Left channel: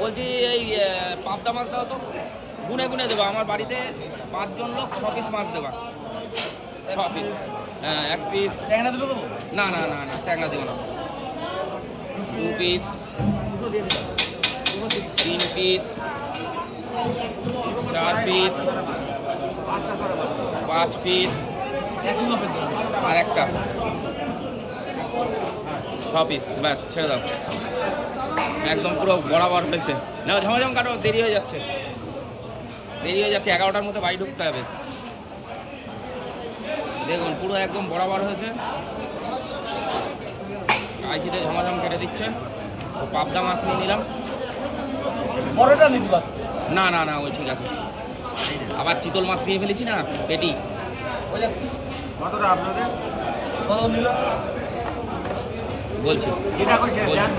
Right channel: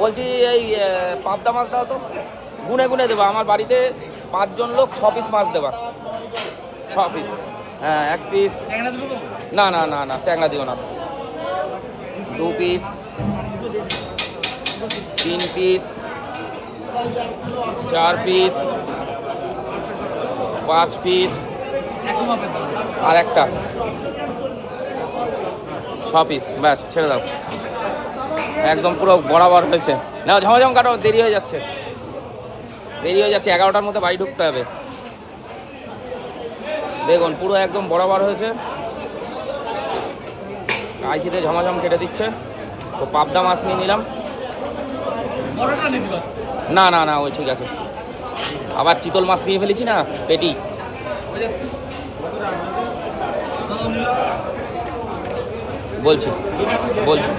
বলছি এই পাবদা মাছ দাও তো, গুনে গুনে দেবো। আমার বাড়িতে 5 জন লোক, 6 পিস মাছ দেবা। 6 পিস, হ্যাঁ 1 পিস। না না না না, ট্যাংরা দিও না। 2 পিস, 3 পিস, 4 পিস, 5 পিস, আর একটা 6 পিস। ব্যাস, ছেড়ে দাও। একদম পুরো বরাবর হয়েছে। না ঝমঝম কাটো, দেরি হয়ে যাচ্ছে, দেরি হয়ে যাচ্ছে। 11টার মধ্যে বাড়ি ঢুকতে হবে। দেখুন পুরো একদম বরাবর হয়েছে। আইসিতে ঝমাঝম কেটে দিচ্ছে। তো পাবদা মাছ নিয়ে নিলাম। বড়টা নিতে পারো। না না না, ওই ঠিক আছে। আবার চিতল মাছ নিয়ে ফেলেছি না, পেটি। বলছি বলছি